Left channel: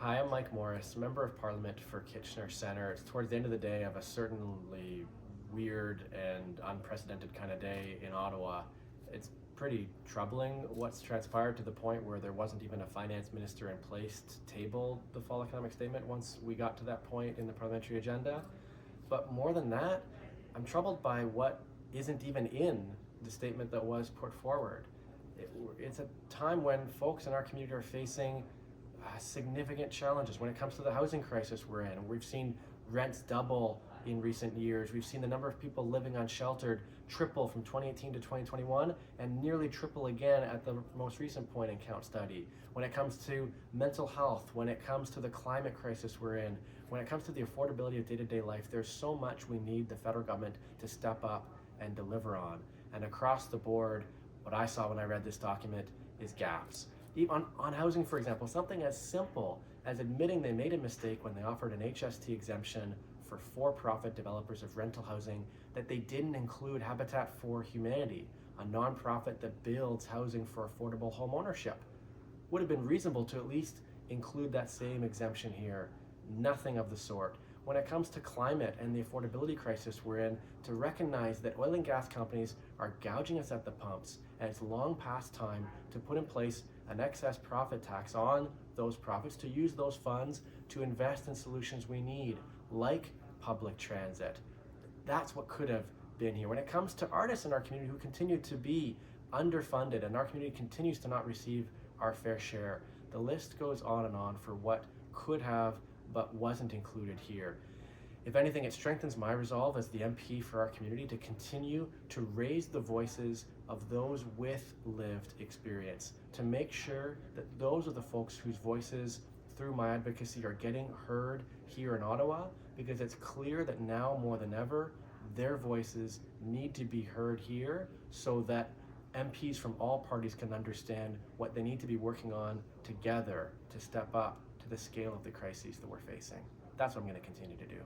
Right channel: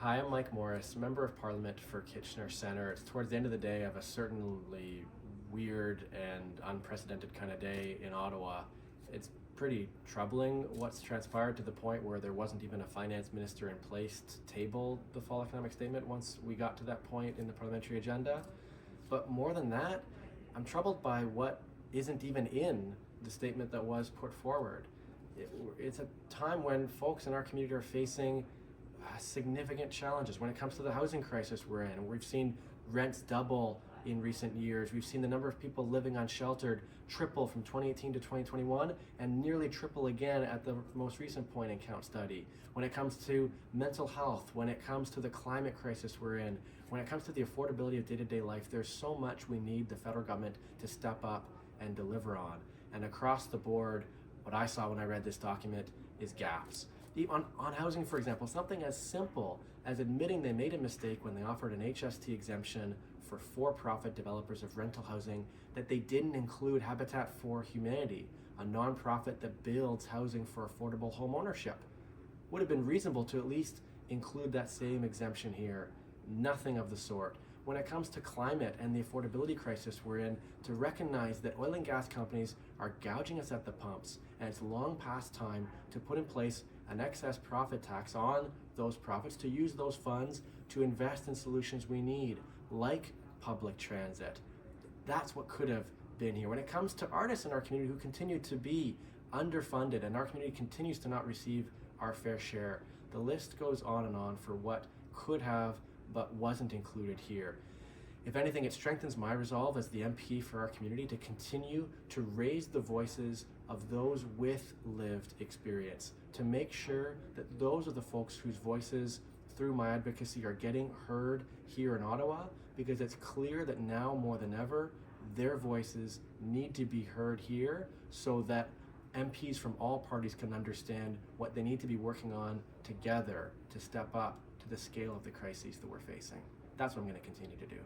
Hi, I'm Mike Morris, Member of Parliament for Kitchener Centre. It's towards the end of the day of a certainly weird and unprecedented kind of day in Ottawa. It's pretty troubling what's transpired to the point where there wasn't even a finance minister in place to table the fall economic statement once we got to that point in the parliamentary agenda. But more than that, I'm troubled by what isn't even in the statement that was put forward. It's a time when folks in our community are facing significant challenges when it comes to the housing crisis we're in. We've seen rents double in recent years. We've seen the number of people living unsheltered triple from 2018 to 2021 and nearly triple again at the most recent point in count study. When it comes to mental health, when it comes to the climate crisis we're in, when it comes to the affordability of day-to-day life, there's so much we need the federal government to step up and deliver on. And across the board, what I saw when I read this document is gaps. On housing, for example, something as simple as admitting they made a mistake when they offered an HST exemption for-profit developers of rental housing, that they didn't include Habitat for Humanity, a nonprofit that builds housing for affordable home ownership. Would have been reasonable to at least include that same exemption here. Nothing of the sort. When it comes to climate and the affordability crisis we're in, to recognize that oil and gas companies are gouging us at the pumps, and it's long past time to put in place an excess profit tax on those profits, to use those funds to invest in solutions we need, like public transit. That's what could have been here. When it comes to artists in our community who continue to be underfunded and our community continues to not receive our fair share, the list goes on for what could have but wasn't included here. If anything, it strengthens my resolve as the MP for our community to continue to raise the voices of those with lived experience, to make sure that those are the folks whose voices through my advocacy are getting heard here in Ottawa, because it's clear that now more than ever, their voices need to be heard here so that MPs from all parties can understand what they need to be working on together to step up to the scale of the crises that we're facing. That's what I'm going to continue to do.